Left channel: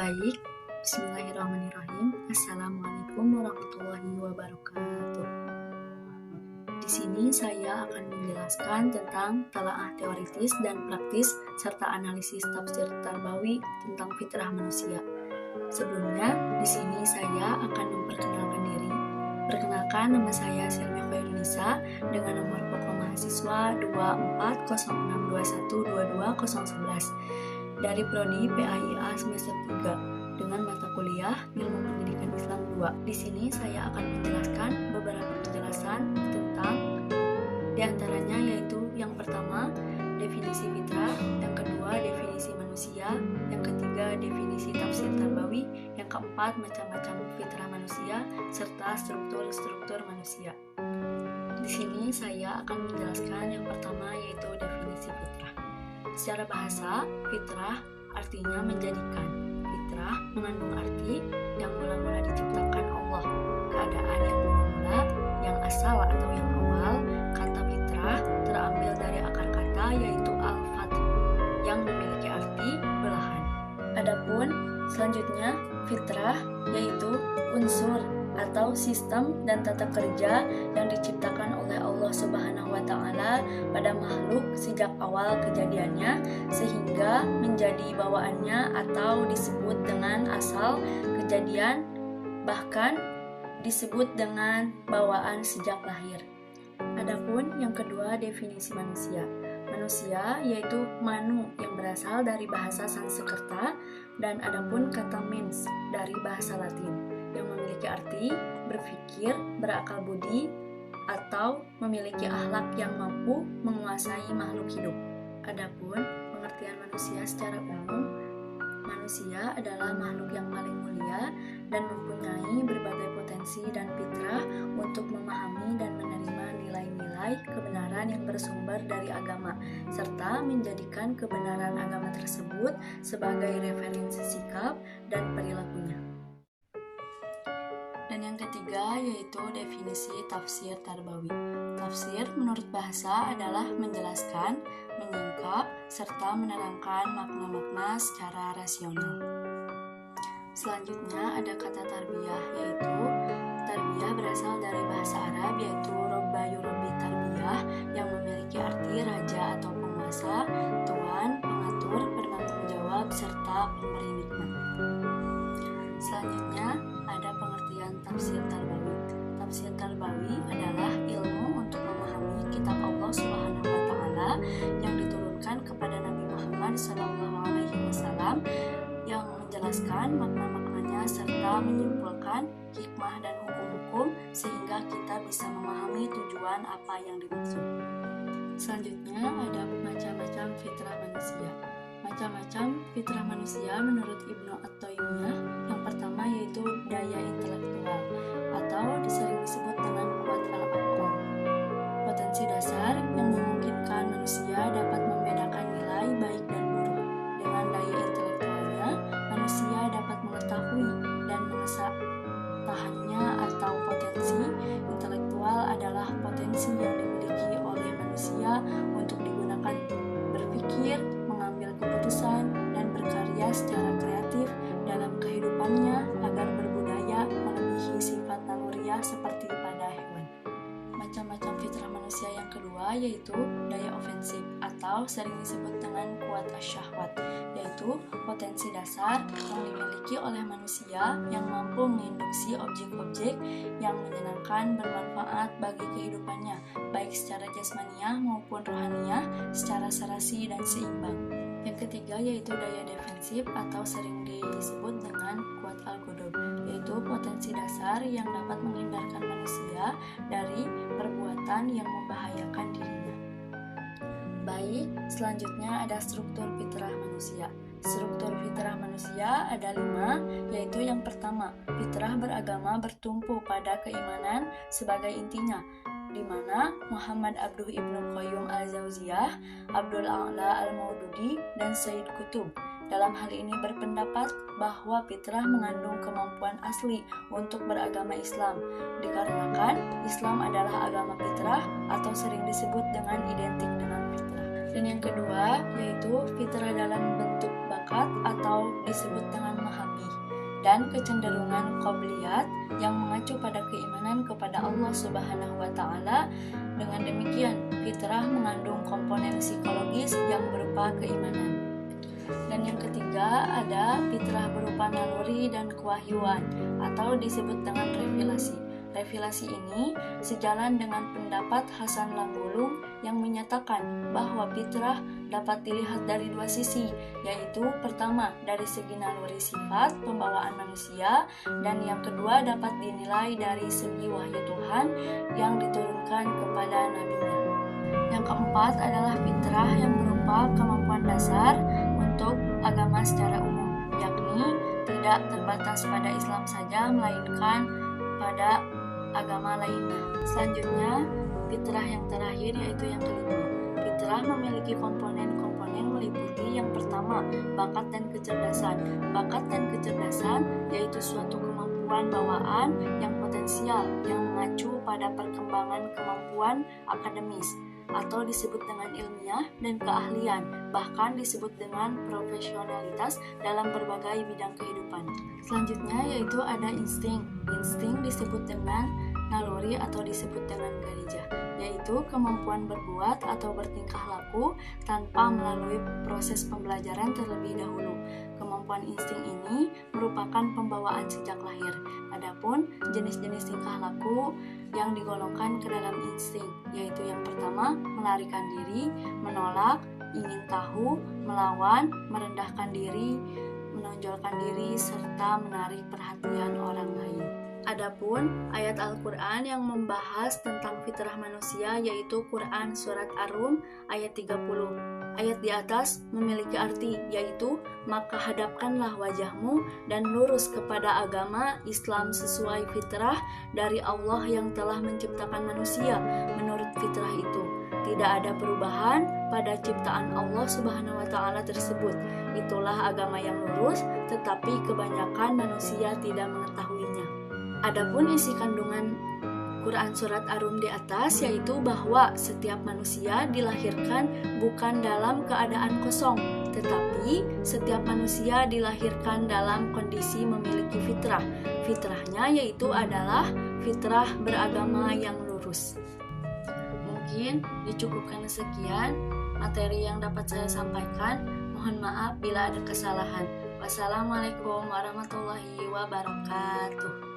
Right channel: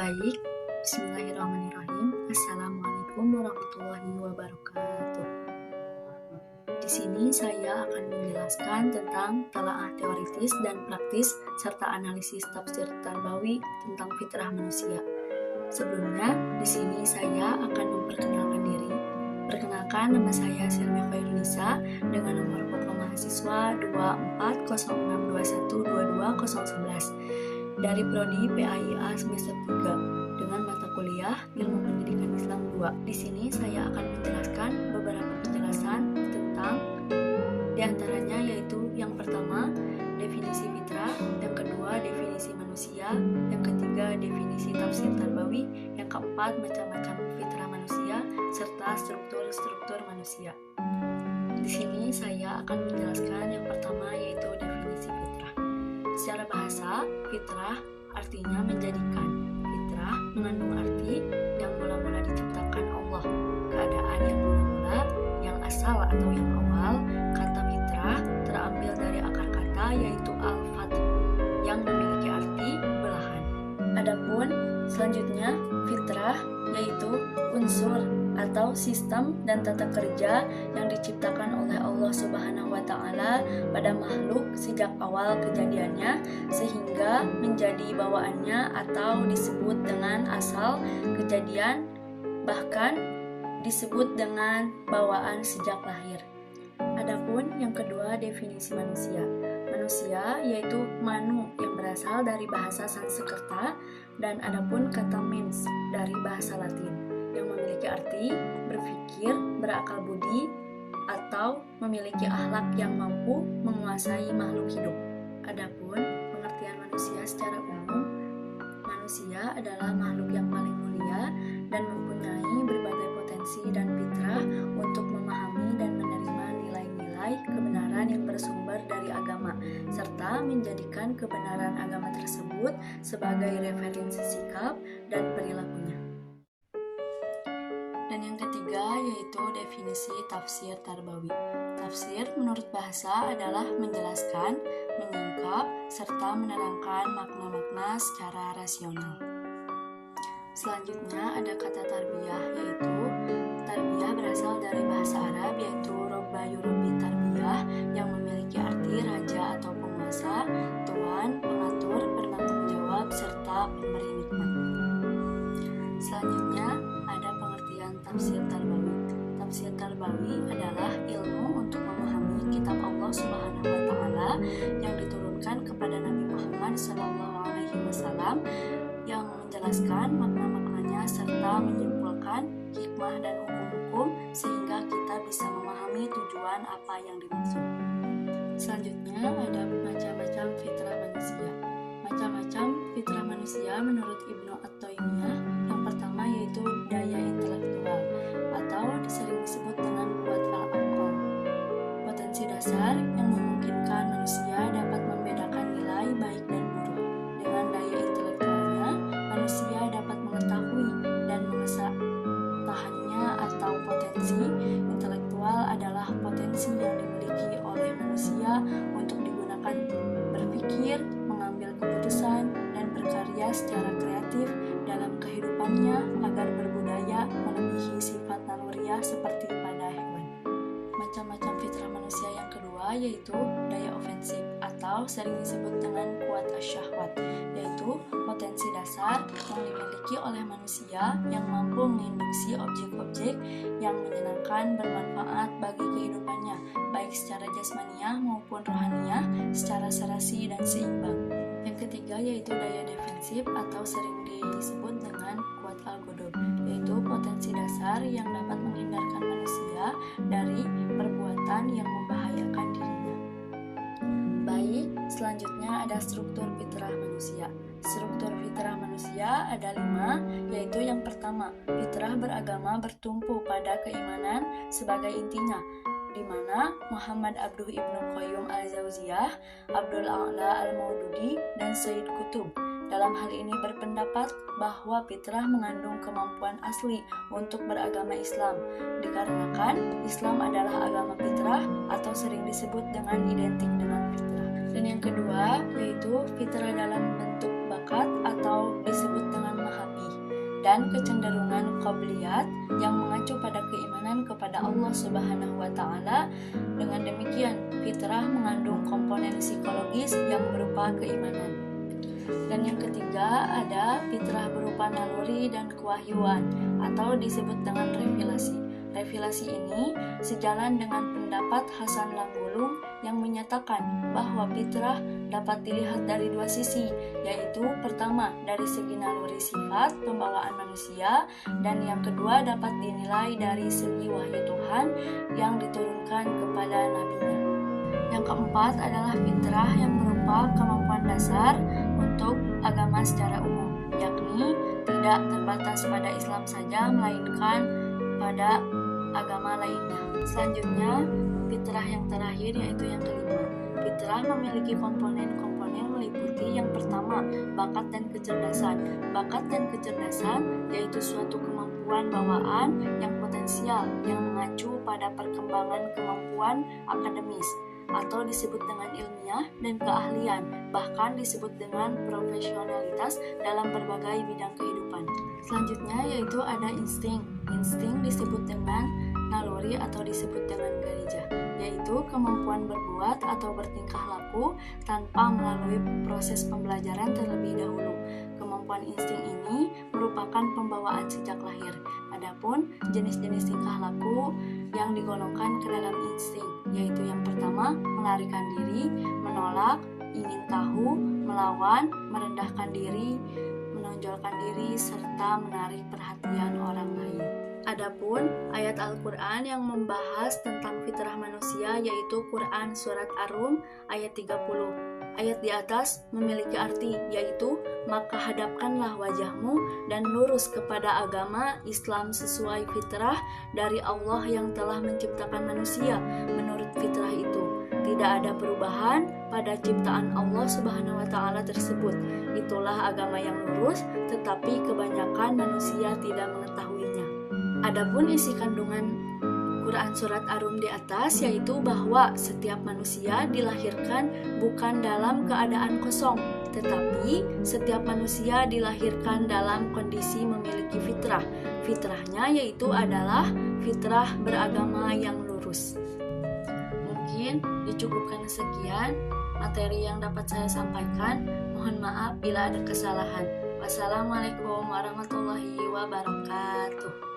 Baik, bismillahirrahmanirrahim. Assalamualaikum warahmatullahi wabarakatuh. Di sini saya akan menjelaskan tentang telaah teoritis dan praktis serta analisis tafsir Tarbawi tentang fitrah manusia. Sebelumnya, di sini saya akan memperkenalkan diri. Perkenalkan, nama saya Silmi Khairunisa dengan nomor pokok mahasiswa 2406212211 dari Prodi PAIA semester 3 dengan mata kuliah Ilmu Pendidikan Islam 2. Di sini saya akan menjelaskan beberapa penjelasan tentang diantaranya yaitu yang pertama definisi fitrah, yang kedua definisi manusia, yang ketiga definisi tafsir Tarbawi, yang keempat macam-macam fitrah manusia serta struktur-struktur manusia. Di sini saya akan menjelaskan yang pertama yaitu definisi fitrah. Secara bahasa, fitrah artinya menjadikan. Fitrah mengandung arti yang mula-mula diciptakan Allah, keadaan yang mula-mula, yang asal atau yang awal. Kata fitrah terambil dari akar kata yaitu al-fath, yang memiliki arti belahan. Adapun selanjutnya, fitrah yaitu unsur atau sistem dan tata kerja yang diciptakan oleh Allah Subhanahu wa Ta'ala pada makhluk sejak awal kejadiannya sehingga menjadi bawaannya atau disebut dengan asal kejadian, bahkan disebut dengan bawaan sejak lahir. Adapun yang kedua definisi manusia. Manusia yaitu manu yang berasal dari bahasa Sanskerta dan adapun kata mens dari bahasa Latin yang memiliki arti berpikir, berakal budi, atau memiliki akhlak yang mampu menguasai makhluk hidup. Adapun pengertian manusia secara umum, manusia adalah makhluk yang paling mulia dan mempunyai berbagai potensi dan fitrah untuk memahami dan menerima nilai-nilai kebenaran yang bersumber dari agama, serta menjadikan kebenaran agama tersebut sebagai referensi sikap dan perilakunya. Dan yang ketiga yaitu definisi tafsir Tarbawi. Tafsir menurut bahasa adalah menjelaskan, menyingkap, serta menerangkan makna-makna secara rasional. Selanjutnya ada kata tarbiyah, yaitu tarbiyah berasal dari bahasa Arab yaitu robba yurabbi tarbiyah yang memiliki arti raja atau penguasa, tuan, pengatur, penanggung jawab, serta pemberi nikmat. Selanjutnya ada pengertian tafsir Tarbawi. Tafsir Tarbawi adalah ilmu untuk memahami kitab Allah Subhanahu wa Ta'ala yang diturunkan kepada Nabi Muhammad SAW yang menjelaskan makna-maknanya serta menyimpulkan hikmah dan hukum-hukum sehingga kita bisa memahami tujuan apa yang dimaksud. Selanjutnya ada macam-macam fitrah manusia. Macam-macam fitrah manusia menurut Ibnu At-Taimiyah, yang pertama yaitu daya intelektual atau sering disebut dengan kuat al-aql. Potensi dasar yang memungkinkan manusia dapat membedakan nilai baik dan buruk. Dengan daya intelektualnya, manusia dapat mengetahui dan mengesah tahannya atau potensi intelektual adalah potensi yang dimiliki oleh manusia untuk digunakan berpikir, mengambil keputusan, dan berkarya secara kreatif dalam kehidupannya agar berbudaya melebihi sifat naluriah seperti pada hewan. Macam-macam fitrah manusia yang kedua yaitu daya ofensif atau sering disebut dengan kuat asyahwat, yaitu potensi dasar yang dimiliki oleh manusia yang mampu menginduksi objek-objek yang menyenangkan bermanfaat bagi kehidupannya, baik secara jasmaniah maupun rohaniah, secara serasi dan seimbang. Yang ketiga yaitu daya defensif atau sering disebut dengan kuat al-ghadab, yaitu potensi dasar yang dapat menghindarkan manusia dari perbuatan yang membahayakan dirinya. Baik, selanjutnya ada struktur fitrah manusia. Struktur fitrah manusia ada 5, yaitu yang pertama, fitrah beragama bertumpu pada keimanan sebagai intinya. di mana Muhammad Abduh Ibnu Qayyum al-Jauziyah, Abdul A'la al-Maududi, dan Sayyid Qutb dalam hal ini berpendapat bahwa fitrah mengandung kemampuan asli untuk beragama Islam, dikarenakan Islam adalah agama fitrah atau sering disebut dengan identik dengan fitrah. Dan yang kedua yaitu fitrah dalam bentuk bakat atau disebut dengan mahabbih, dan kecenderungan qobliyat yang mengacu pada keimanan kepada Allah Subhanahu wa Ta'ala. Dengan demikian, fitrah mengandung komponen psikologis yang berupa keimanan. Dan yang ketiga ada fitrah berupa naluri dan kewahyuan atau disebut dengan revelasi. Revelasi ini sejalan dengan pendapat Hasan Langgulung yang menyatakan bahwa fitrah dapat dilihat dari dua sisi, yaitu pertama dari segi naluri sifat pembawaan manusia, dan yang kedua dapat dinilai dari segi wahyu Tuhan yang diturunkan kepada nabinya. Yang keempat adalah fitrah yang berupa kemampuan dasar untuk agama secara umum, yakni tidak terbatas pada Islam saja, melainkan pada agama lainnya. Selanjutnya, fitrah yang terakhir yaitu yang kelima. Fitrah memiliki komponen-komponen meliputi yang pertama, bakat dan kecerdasan. Bakat dan kecerdasan yaitu suatu kemampuan bawaan yang potensial yang mengacu pada perkembangan kemampuan akademis atau disebut dengan ilmiah dan keahlian, bahkan disebut dengan profesionalitas dalam berbagai bidang kehidupan. Selanjutnya yaitu ada insting. Insting disebut dengan naluri atau disebut dengan garijah, yaitu kemampuan berbuat atau bertingkah laku tanpa melalui proses pembelajaran terlebih dahulu. Kemampuan insting ini merupakan pembawaan sejak lahir. Adapun jenis-jenis tingkah laku yang digolongkan ke dalam insting, yaitu yang pertama, melarikan diri, menolak, ingin tahu, melawan, merendahkan diri, menonjolkan diri, serta menarik perhatian orang lain. Adapun ayat Al-Quran yang membahas tentang fitrah manusia yaitu Quran Surat Ar-Rum ayat 30. Ayat di atas memiliki arti yaitu, maka hadapkanlah wajahmu dan lurus kepada agama Islam sesuai fitrah dari Allah yang telah menciptakan manusia menurut fitrah itu. Tidak ada perubahan pada ciptaan Allah Subhanahu wa Ta'ala tersebut. Itulah agama yang lurus, tetapi kebanyakan manusia tidak mengetahuinya. Adapun isi kandungan Quran Surat Ar-Rum di atas yaitu bahwa setiap manusia dilahirkan bukan dalam keadaan kosong, tetapi setiap manusia dilahirkan dalam kondisi memiliki fitrah. Fitrahnya yaitu adalah fitrah beragama yang lurus. Mungkin dicukupkan sekian materi yang dapat saya sampaikan. Mohon maaf bila ada kesalahan. Wassalamualaikum warahmatullahi wabarakatuh.